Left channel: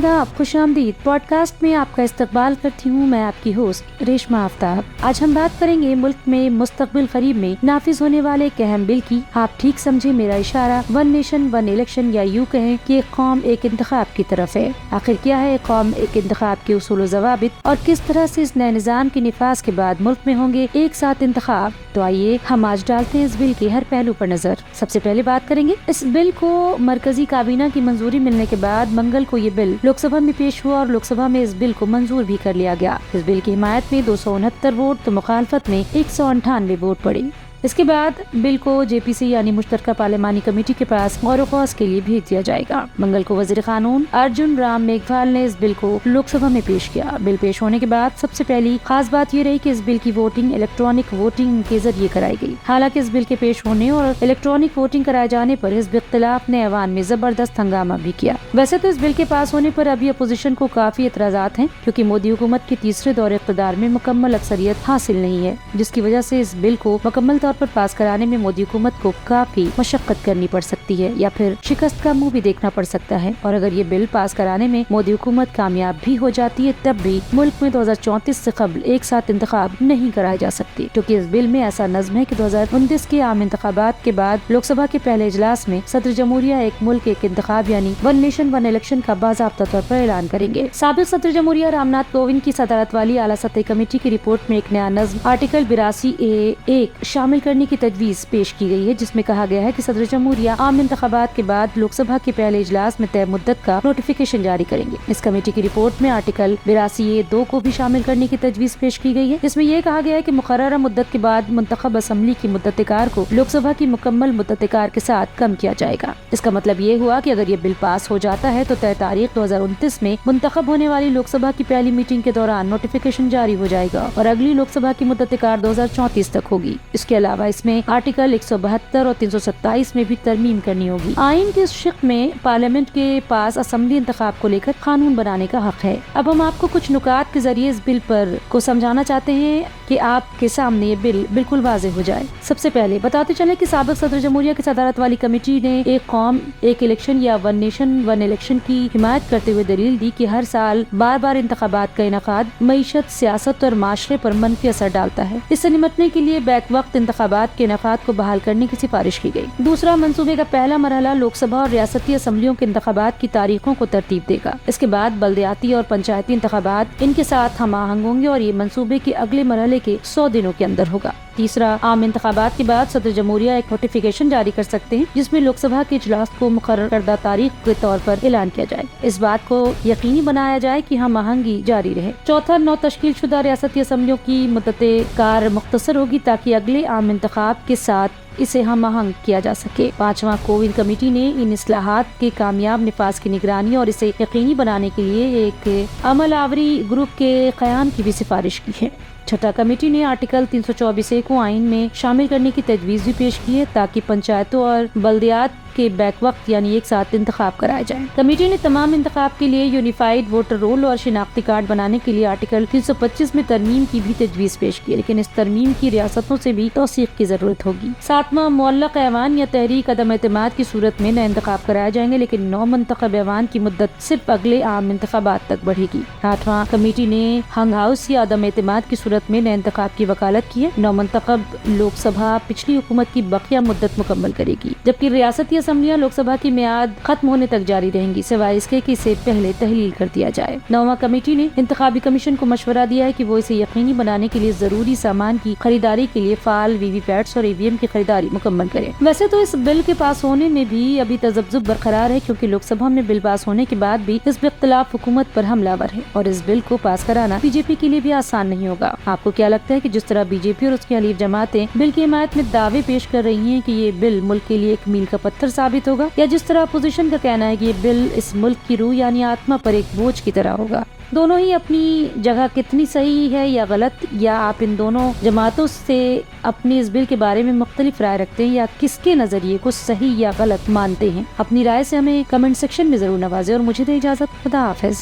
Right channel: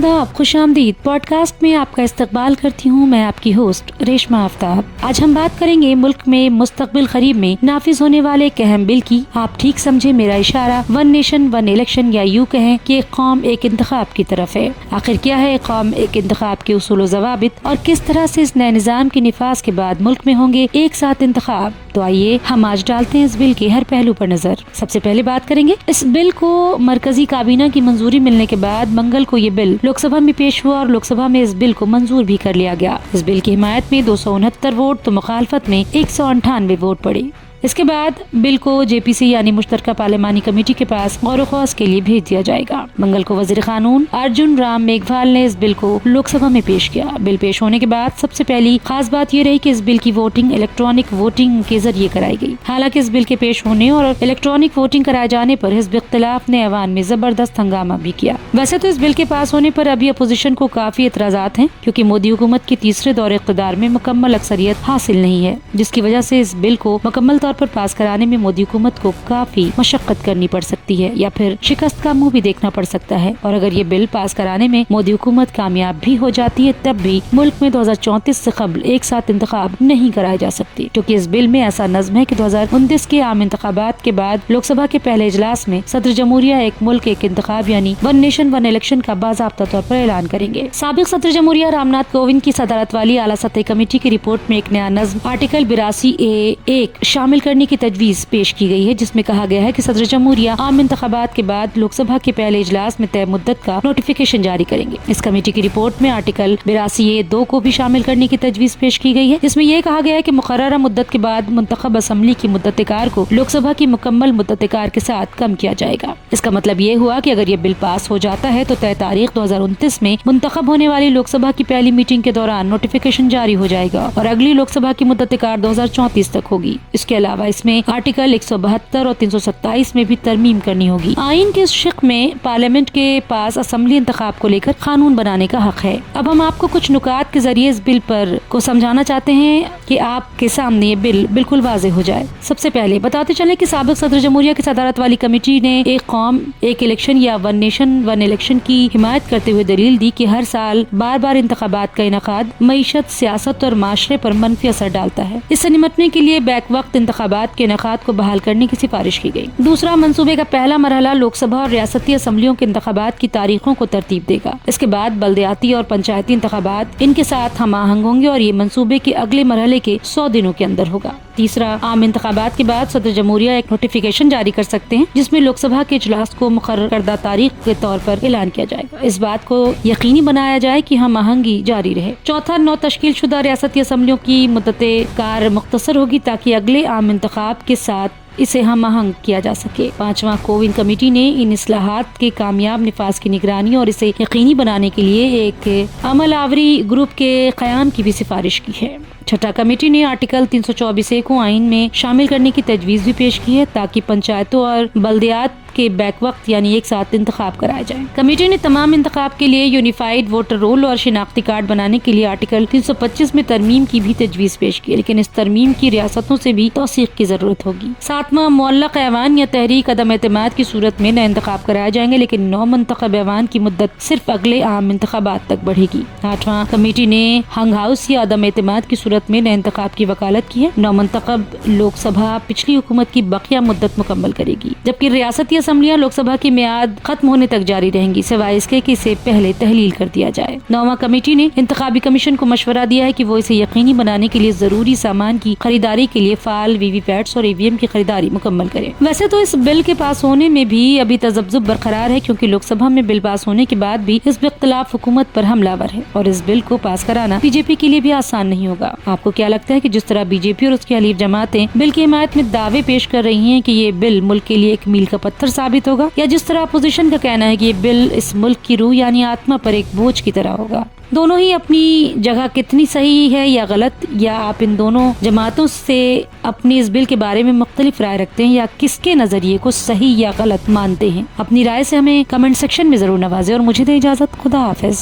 आदाब, खुश आमदीद। पॉडकास्ट में आपका इस्तकबाल करती हूँ मैं आपकी होस्ट रेशमा आफ्ताब। आज हम बात करेंगे मुल्क में मुस्तकबिल करीब में नाफिज होने वाले एक अहम बिल की। आप ठीक समझे मेरा इशारा, वन नेशन वन इलेक्शन, या यूँ कहें कि एक कौम एक इंतखाब की तरफ है। आखिर क्या है एक कौम एक इंतखाब के उसूल व ज़वाबित और किस तरह से इस नए निज़ाम के निफाज के बाद मुल्क में होंगे एक साथ इंतखाब। तो आइए हम आज डालते हैं इस बिल के हर पहलू पर नजर। सबसे पहले बात करेंगे इस बिल को मरकजी काबीना की मंजूरी मिलने के बाद मंगल को ये बिल लोकसभा में पेश हुआ और लोकसभा में इस बिल को मंजूर भी कर लिया गया। इस बिल की हिमायत में 269 वोट तो मुखालफत में 198 वोट पड़े। इसके बाद बिल को जेपीसी यानी मुश्तरका पार्लिमानी कमेटी के पास गौर ख्वास के लिए भेज दिया जाएगा। मंगल को वजीर कानून अर्जुन राम मेघवाल ने इस बिल को लोकसभा में पेश किया। बिल पेश होने के बाद सबसे पहली खास बात ये रही कि इस बिल की वोटिंग इलेक्ट्रॉनिक वोटिंग के जरिए कराई गई। हालांकि इस बिल के पेश होने और इलेक्ट्रॉनिक वोटिंग कराए जाने पर हिज़्ब इख्तिलाफ ने ऐवान में जबरदस्त हंगामा भी किया। वैसे तो इस बिल के पास होने पर अभी अपोजिशन को काफी एतराजात हैं, क्योंकि मोदी हुकूमत की तीसरे दौरे इक़्तिदार में मुकम्मल अक्सरियत हासिल नहीं है, जिसकी वजह से इस बिल को मुकम्मल तौर पर पास कराने में मोदी हुकूमत को काफी मशक्कत करनी पड़ सकती है या फिर शिकस्त का मुंह भी देखना पड़ सकता है। और अगर ये बिल पास कराने में मोदी हुकूमत कामयाब भी हो जाती है तब भी मुल्क में 2034 से कबल एक साथ इंतखाब नहीं कराए जा सकते, क्योंकि इस बिल में ऐसा नज़्म है कि 2029 के आम इंतखाबात के बाद लोकसभा के पहले इजलास में सदर जमहूरिया एक मुल्क एक इंतखाब यानी वन नेशन वन इलेक्शन का बाज़ाब्ता तौर पर ऐलान करेंगे। साबिक सदर जमहूरिया रामनाथ कोविंद की सदारत वाली आला सतह कमेटी की रिपोर्ट में एक नया नज़्म आर्टिकल 82A1 शामिल करने की तजवीज पेश की गई है, जिसमें कहा गया है कि सदर जमहूरिया आम इंतखाबात के बाद लोकसभा के पहले इजलास में तय मुद्दत का नोटिफिकेशन जारी करेंगे। इस कमेटी की रिपोर्ट में आर्टिकल 82A2 को भी शामिल करने की तजवीज पेश की गई है, जिसमें यह कहा गया है कि मुकर्ररा मुद्दत के बाद मुंतखब असम्बली की मुद्दत-ए-कार को लोकसभा की मुकम्मल मुद्दत-ए-कार के साथ कम किया जाएगा। इसका मतलब ये हुआ कि अगर ये बिल पास हो जाता है तो तय तारीख 2029 में मुंतखब होने वाली लोकसभा की पहली मीटिंग के दौरान नोटिफिकेशन जारी हो जाएगा और अगली लोकसभा की मुद्दत-ए-कार 2034 तक होगी। इसके अलावा इसमें आर्टिकल 172 और 327 में भी तरमीम करनी होगी। आइन के इस शिक में पार्लियामेंट के पास असेंबली इंतखाब को लेकर कानून बनाने का हक है। अब हम आपको कुछ नुकात के जरिए इस बिल पर को समझाना चाहते हैं कि आपके सामने ये बिल बिल्कुल वाज़ेह हो जाए। सबसे पहले बताते चले कि साबिक सदर जमहूरिया की सदारत वाली कमेटी ने एक कौम एक इलेक्शन या वन नेशन वन इलेक्शन की हिमायत करते हुए दलील दी कि हर साल बार बार इंतखाबात का इनेकाद मईशत, सियासत और माशरे पर मनफी असर डालता है। इससे निपटने के लिए बैक वक्त इंतखाबात के इनेकाद को बहाल करने की सिफारिश की गई। दूसरा, मंसूबे का पहला मरहला लोकसभा और रियासती असम्बलियों के इंतखाबात की तारीखों को तरतीब देगा। इसके बाद बल्दियाती और पंचायती इंतखाबात इनके साथ हम आहंग होंगे और ये मंसूबे के अगले मरहले के 100 दिनों के अंदर होगा। तीसरा, आम इंतखाबात के बाद सदर जमहूरिया एक नोटिफिकेशन जारी कर सकते हैं, जिसमें लोकसभा के इजलास को मुकर्रर करदा तारीख के तौर पर ऐलान किया जाएगा। इस बात को यकीनी बनाया जाए कि हम आहंगी जारी रहे। चौथा, 9 तश्कील शुदा रियासती असम्बलियों की मुद्दत-ए-कार मुख्तसर होगी ताकि अगले आम इंतखाब के साथ इसे हम आहंग किया जा सके। पांचवा, कोविंद कमेटी ने इन इस्लाहात के कामयाब निफाज की निगरानी और इसे यकीनी बनाने के लिए एक अमल आवरी ग्रुप के क़याम की भी सिफारिश की है। छठा, कमेटी ने आर्टिकल 324A को आइन में शामिल करने की तजवीज़ भी पेश की है ताकि पंचायतों और बल्दियात के बैक वक्त यानी एक साथ इंतखाब कराए जाएं। कमेटी ने तमाम इंतखाब के लिए यूनिफाइड वोटर रोल और शिनाख्ती कार्ड बनाने के लिए आर्टिकल 325 में तरमीम की भी तजवीज़ पेश की है, लेकिन इस तरमीम की रियासतों से भी तौसीक की जरूरत होगी। सातवां, मुअल्लक़ ऐवान या तहरीक अदम एतमाद की सूरत में नए इंतखाब कराए जाएंगे, लेकिन नौ मुंतखब ऐवान की मुद्दत सिर्फ अगले आम इंतखाबात तक बढ़ेगी। आठवां, कमेटी ने हंग हाउस या अदम एतमाद की सूरत में नए इंतखाब की वकालत की है। नौ मुंतखब लोकसभा पिछली हुकूमत की बकिया मुद्दत मुकम्मल करेगी, जबकि रियासती असम्बलियां लोकसभा की मियाद खत्म होने तक जारी रहेंगी, सिवाय इसके कि इसे पहले तहलील कर दिया जाए। नौवां, कमेटी ने इंतखाबी कमीशन को मशवरा दिया है कि वो इसे यकीनी बनाने के लिए जरूरी सामान की खरीदारी के लिए फाल वीवीपैट्स और ईवीएम की खरीदारी मुकम्मल करे। वैसे तो इस बिल के पास होने में भी अभी तजब्जुब बरकरार है, क्योंकि लोकसभा में बिल पास होने के बाद भी हिज़्ब इख्तिलाफ हुकूमत पर हमलावर है और इस बिल को पास कराना बीजेपी के लिए भी आसान नहीं होगा। आपको क्या लगता है कि जिस तरह बीजेपी और उसकी हलीफ जमातें बिल की हिमायत में दावे पेश कर रही हैं कि ये बिल मुल्क के लिए एक मील का पत्थर साबित होगा, या जिस तरह अपोजिशन का कहना है कि ये बिल इस मुल्क की रूह यानी आत्मा पर एक बोझ की तरह होगा? दोनों ही अपनी जगह कितनी सही है या गलत, या आप इन दोनों जमातों से अपनी इस बिल के बारे में मुख्तलिफ राय रखते हैं या किसके नजरिए को सही या गलत मानते हैं? अपनी राय से हमें कमेंट सेक्शन में जरूर नवाजें और मुझे दे इजाजत। खुदा हाफिज।